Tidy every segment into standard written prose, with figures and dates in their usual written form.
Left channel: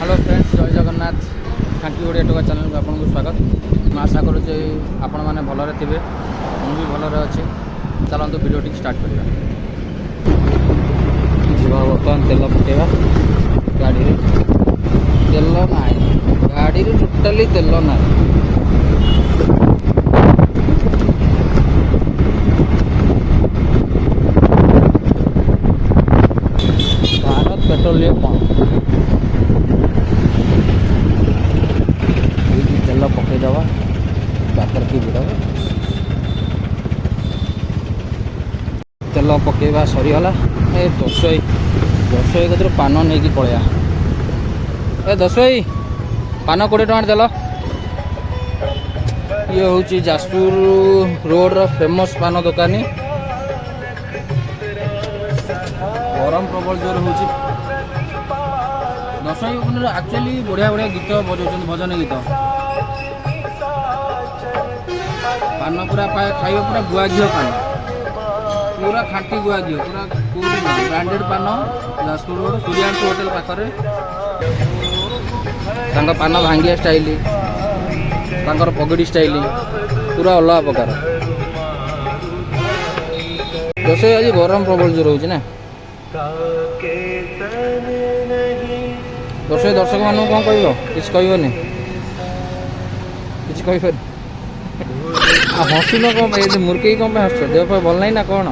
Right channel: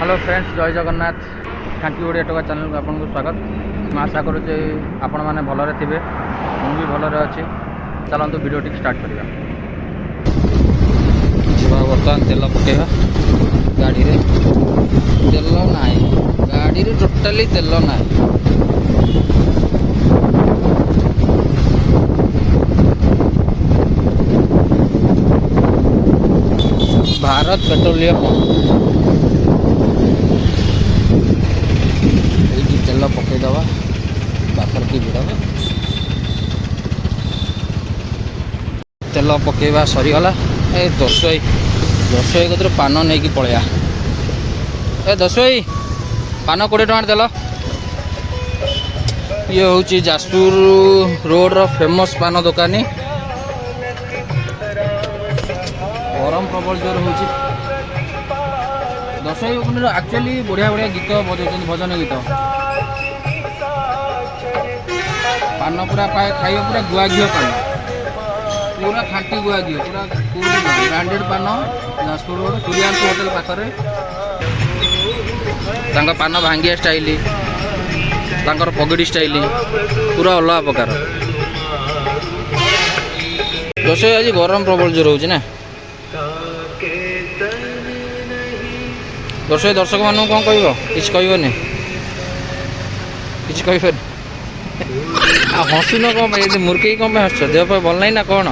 Hello friends, जय जगन्नाथ। खांटी ओडिया टोका channel को आपको स्वागत। मैं आशा करुचे आपण मैंने भलरे थे, मुझे भलरे अच्छे। चलते वीडियो टी स्टार्ट करवा। बर्तमान तेल पकेगा गाड़ी रे। तेल ना गाड़ी रे, टोटाली तेल ना। भारत पेट्रोलियम पंप तेल पकईदबा बापर की भिड़ तेल पकेवा सरीगला। ए दसई कतर पान नहीं कि पलैया। ए दसई पान 20 टଙ୍କା देल। ये हूँ जाजपुर रोड रो फेमस पान दुकानी। गरम प्रबल जोर हो। दसई एक्चुअली बढ़िया बढ़िया गीत बजाऊँ, भजन गीत। पान पूरा खाइब पूरा गुआ घी पान, पूरा खाटी गुआ घी, पूरा ब्रांडेड पान। जाजपुर रोड सूर्यांश होटेल पाखरे तांका पान भांगिया स्टाइल, तांकर पगड़ी स्टाइल पूरा अलग प्रकार। दसई आज गरम प्रबल जोर हो ना। दसई दर्शक मानू कौन कह कि कहबनी कि हसुन कौन मुर्की कौन हस देह भल नहीं ना कौन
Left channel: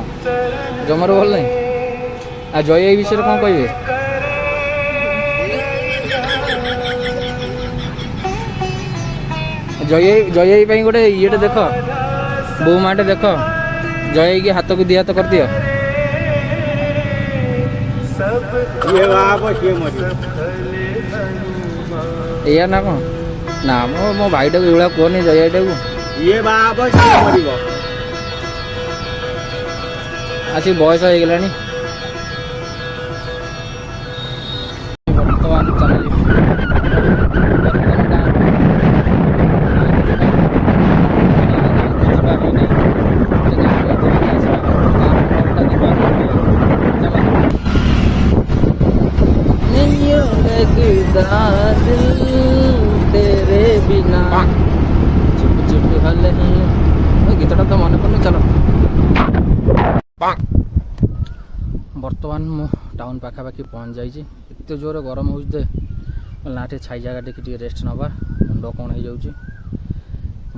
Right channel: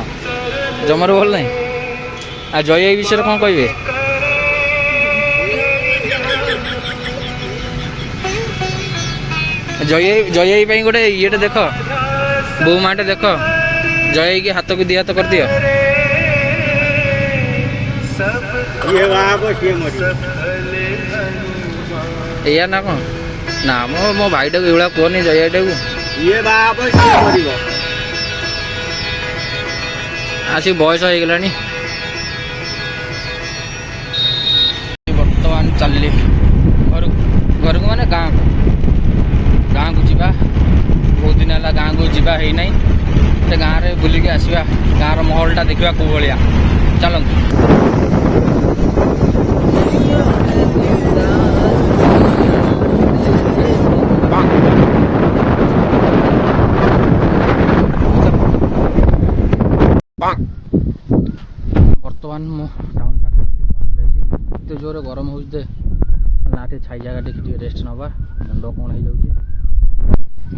जमार भल नहीं। आ जय विषय कौन कहे जय गोटे ये देख बो माटे देख जय की हाथ को दी हाथ कर दियो। या ना कौन ना मो भाई टाक ये कहनी जय टाक ये आसी बयस हो गला। बर्तमान चलि घर को मैंने गाँ को जावा। बहुत दिन है गाँ को जावा है ना। गाँव में बुलिक आसवा, गाँव महलटा देखा कौ भाया। चलो बर्तमान मु टाउन पाखापाखि पहुँच जाइए। जोर गरम हो ना छाई जगह टे रेस्ट नवा। मुंड कौन हो जाऊँ।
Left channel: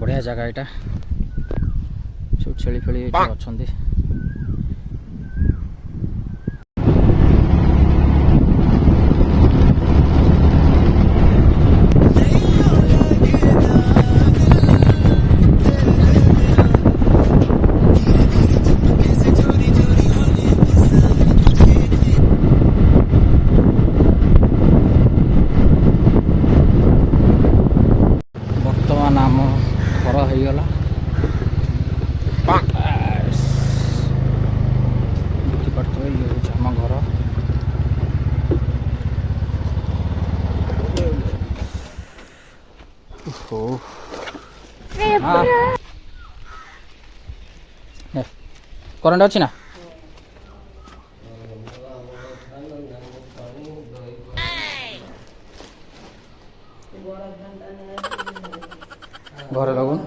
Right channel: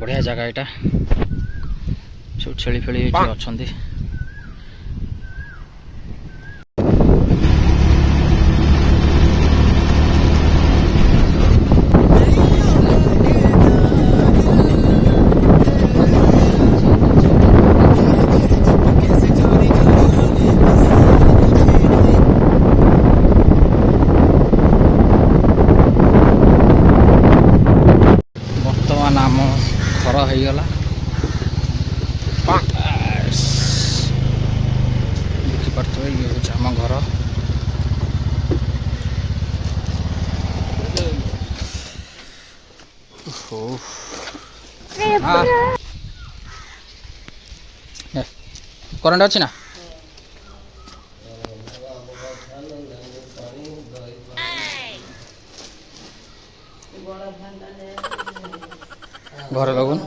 बढ़िया जगह यहाँ सब छेली फेली अच्छा। नाम घर हो गला देखिपे ये हूँ आम घर। करेंट अच्छी ना। घर लगुन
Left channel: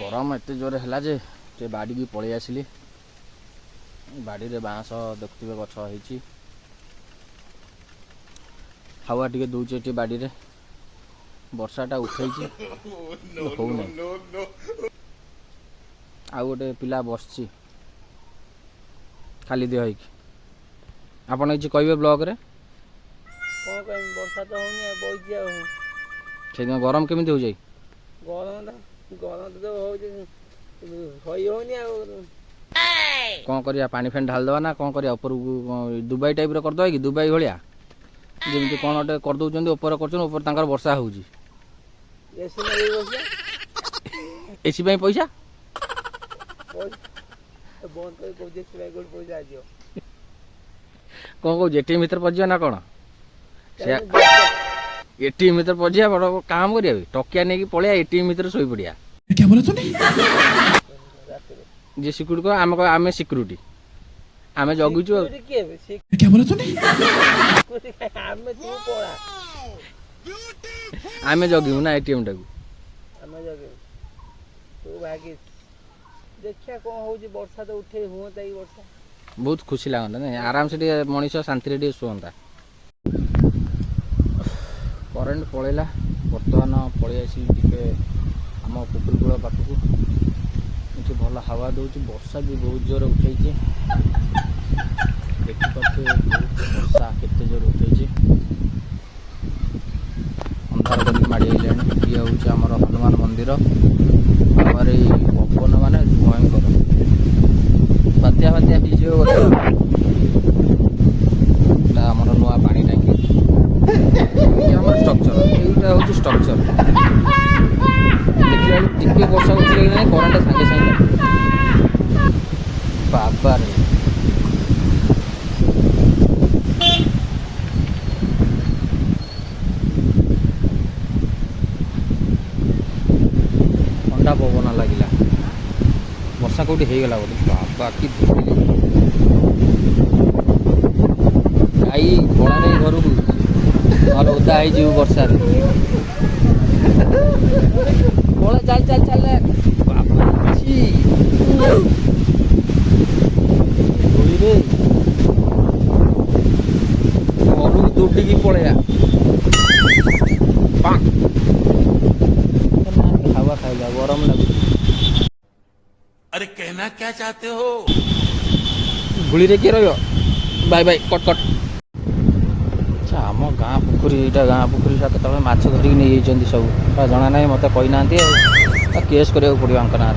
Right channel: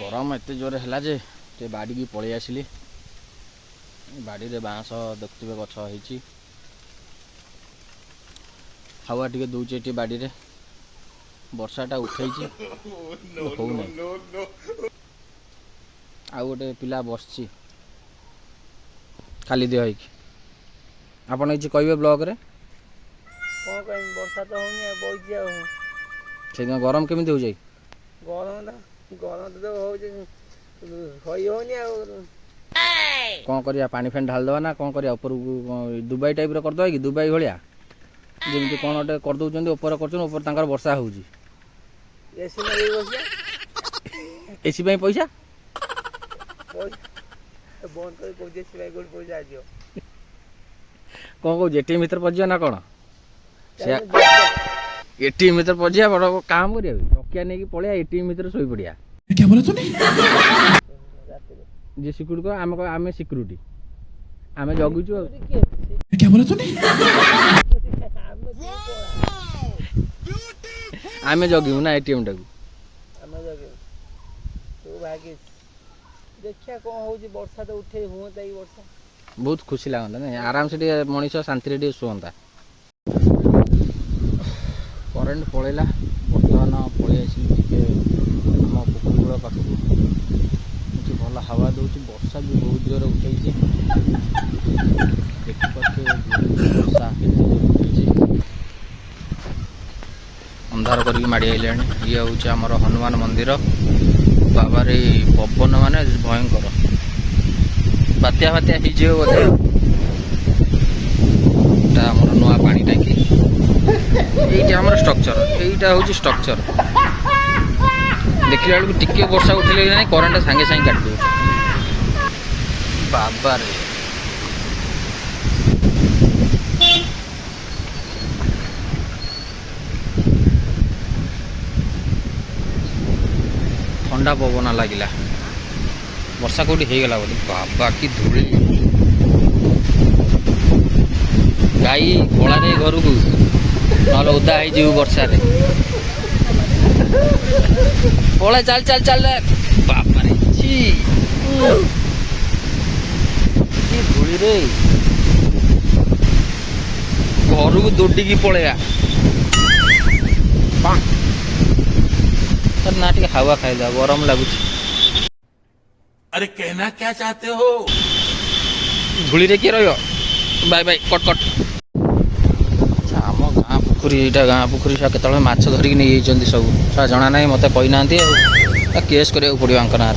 गरम एत जोर है जे बाड़ी की पलि आसिली। बाड़ी रे बाँस देखुवे गछ होती। हावा टे दौचे बाड़ी रे। वर्षाटा उठे आ गोटे पिला बसची खाली देह होगी। आपड़ किसी कहे ब्लॉग रे कौन कह वर्षा तो होनी गरम केमी हो जाए। गरम तो सही होनी। कौन करिया पानी फैन ढाल दवा ना कौन करिया ऊपर दुबई टाइप करदे कि दुबई भाया जमी कौन गोटे करदे ऊपर कर वर्षा हो एसी पैसा बंद कर कौन कौ जेटी भर पड़ ना कौन एटीएम भीतर पशिया बड़ काम करिया टकिया नहीं पड़िया एटीएम भीतर शोई पड़िया क्या बोला तूने? ରାତିରେ जी सिक्यूरिटी को आम सिक्यूरिटी आम जगुचु Security କିଏ ବେ? Security क्या बोला तूने? କାଇଁ? ଆମେ ତୁ ପଳା आम जगू ना एटीएम टाक ଆମେ ଜଗିବୁ ତୁ ଭାଗିଛୁ ଦେଖିଆ କ'ଣ ହଉଛି ବର୍ଷା ତ ଉଠେଇ ହୁଅନ୍ତା କି ବର୍ଷା बहुत खुशी लगता ना आराम से मनीष शांति शुअंता करेन्ट पलैला बर्तमान पलि आम पुकुर कूल पाखक ये भल हवा दूसरी वर्षा भी बहुत जोर उठे देखिपे वर्षा के जोर उठे अंधार करके माड़ी आइला ये हूँ आमर हनुमान मंदिर बाबार पवन मान भयंकर बात्या बात्या हिजे बोधे आमर नुआ पानी टांकी ये आमर स्ट्रक्चर यहीटा हूँ स्ट्रक्चर देखला बेलू टिके वर्षा उठिले ना करेन्ट सांगे सांगे काट बाबा रे ठंडा पवन लगिला वर्षा कौटी हो गला बोले बाबा कि धूल गाई पड़ा नहीं घर को ना ओदा हो वर्षा रे पड़ा चल चल चल बाबा रे धूली रे घर को दौड़ी पलैया ना टे हवा खाईदा गरम लगुच अरे कहना क्या चाहते हो? धूली रे किए रहियो बाय बाय कट कट अच्छा आम गाँ पुखरी यहाँ गाँ पुखरी केतल माछ धरिकी नहीं जाइए सब जना ना मत कही ना केस करा पड़ो आंक ना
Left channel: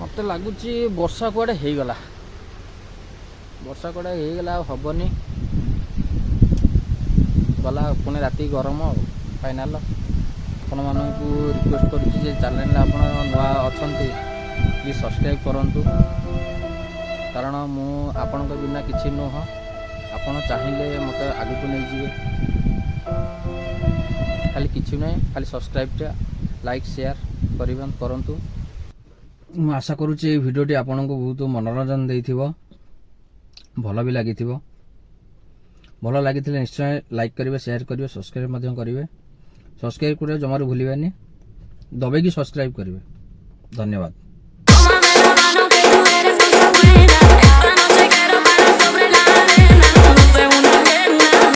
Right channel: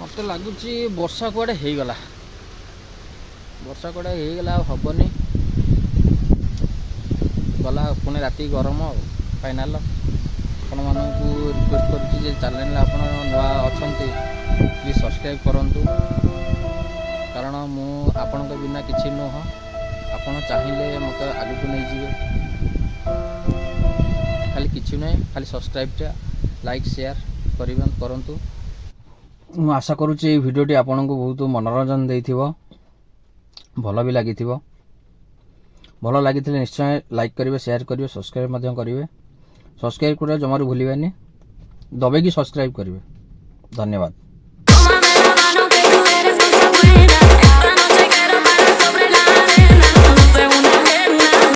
मत लगुच वर्षा कुआड़े हो गला वर्षा कुआड़े हो गला हेनी गला पुणी राति गरम फाइनाल आपण मानू रिक्वेस्ट करुच्ची चैनल आप नुआ अच्छा प्लीज सब्सक्राइब करूँ कारण मु आपण बिना किसी नुह आपण चाहिए मत आगे को नहीं जीवे खाली किसी ना खाली सब्सक्राइब लाइक शेयर करूँ मु आशा करुच्ची भिडियोटी आपन को बहुत मनोरंजन देथिबो भल भी लगी भल लगी निश्चय लाइक करेंगे शेयर करेंगे सब्सक्राइब करेंगे सब्सक्राइब कर जमार भूलिए दबे की सब्सक्राइब करेंगे धन्यवाद।